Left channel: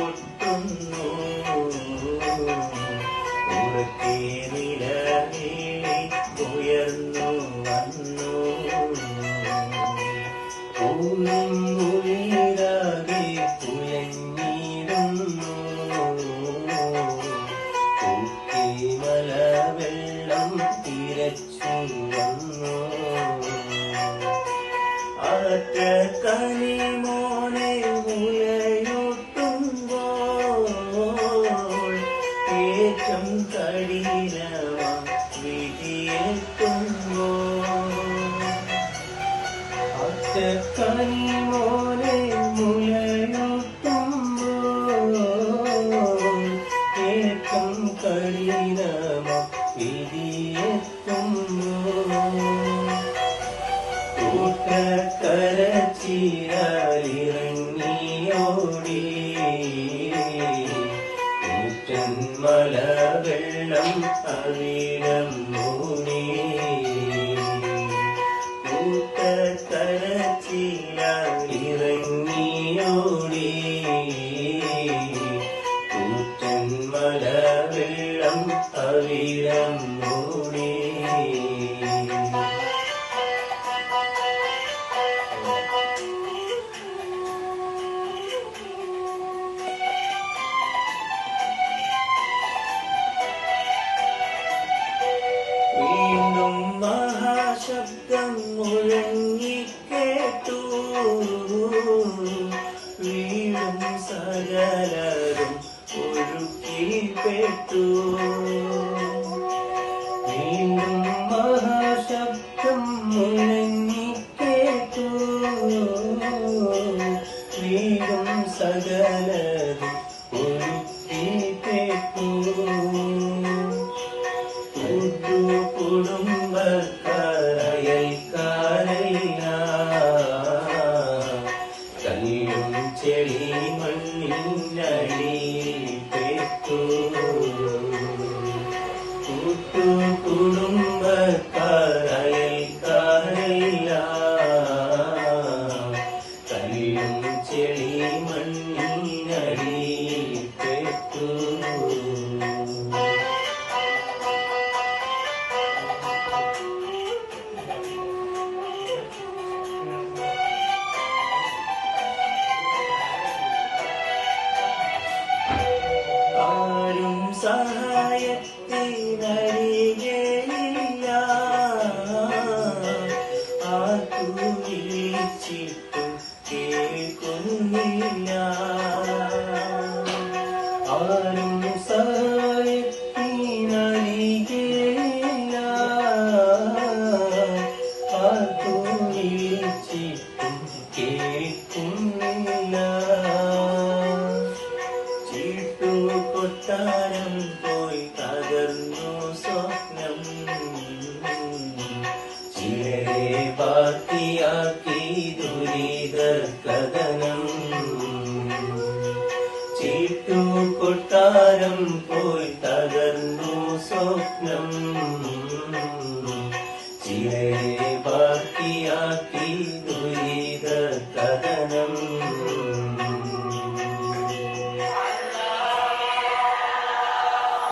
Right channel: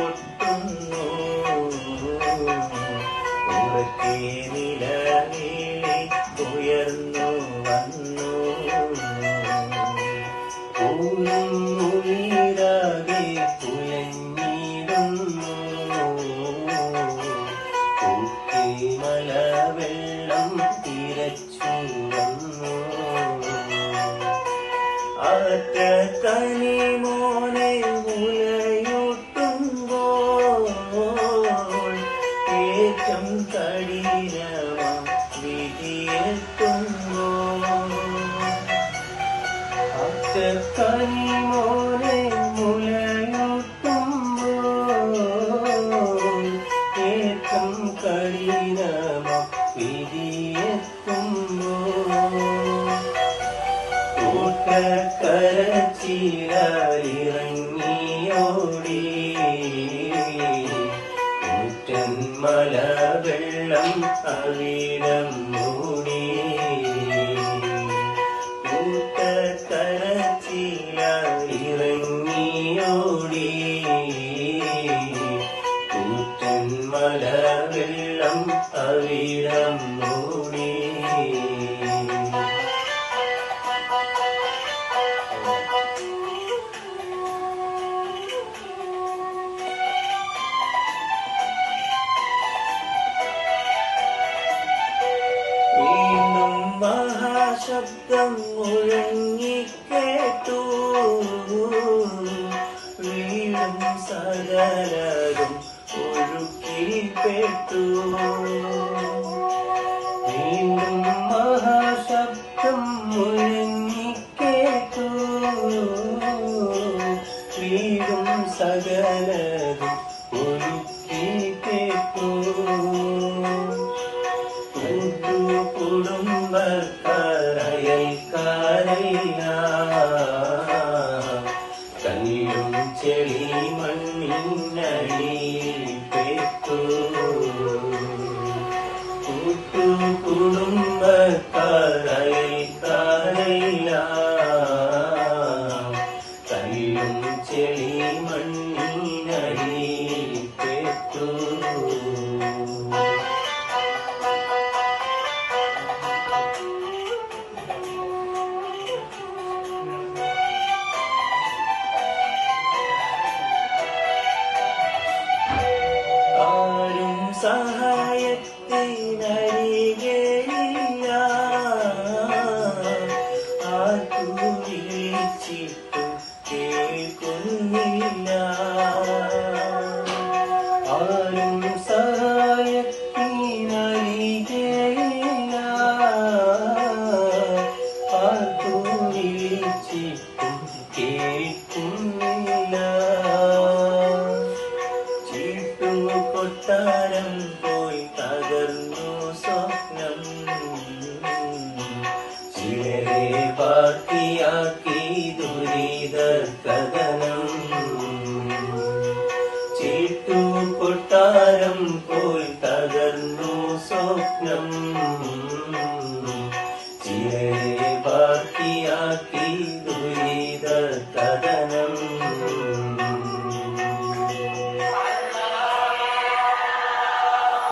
പൊട്ടുന്നു ഉറക്കെ നിലവിളി ഉയർന്നു വന്നു പൂവും ഉയരാതെ തുയഞ്ഞിടുന്നു മലവെള്ളം തിരച്ചു വന്നു ആറ്റക്കനി മോനെ മുലയൂട്ടുമ്പോൾ ഏറ്റം കഠിനമാം വിധിയെത്തുന്നു ആറ്റക്കനി മോനെ മുലയൂട്ടുമ്പോൾ ഏറ്റം കഠിനമാം വിധിയെത്തുന്നു കൂട്ടക്കരച്ചിലിറങ്ങിയോടി കൂറ്റൻ മലവെള്ളം അവിടം മൂടി കൂട്ടക്കരച്ചിലിറങ്ങിയോടി കൂറ്റൻ മലവെള്ളം അവിടം മൂടി വീണ്ടും മഹാശബ്ദം മുഴങ്ങിക്കേട്ടു വീണ്ടും സകലരും ഒഴുക്കിൽപ്പെട്ടു വീണ്ടും മഹാശബ്ദം മുഴങ്ങിക്കേട്ടു വീണ്ടും സകലരും ഒഴുക്കിൽപ്പെട്ടു കുടുംബക്കാരയൽക്കാരില്ല കല്ലും ചെളി മണ്ണിനടിപ്പെട്ടു കുടുംബക്കാരയൽക്കാരില്ല കല്ലും ചെളി മണ്ണിനടിപ്പെട്ടു സഹായത്തിനരികെയില്ല ആർക്കു വിളിച്ചിട്ടു കേൾക്കുന്നില്ല ആരും സഹായത്തിനരികെയില്ല ആർക്കു വിളിച്ചിട്ടു കേൾക്കുന്നില്ല കൊട്ടാരം പോയി തകർന്നു സ്വപ്നം ചിലരെ ബാക്കിയാക്കി ദുരിത കഥനം കൊട്ടാരം പോയി തകർന്നു സ്വപ്നം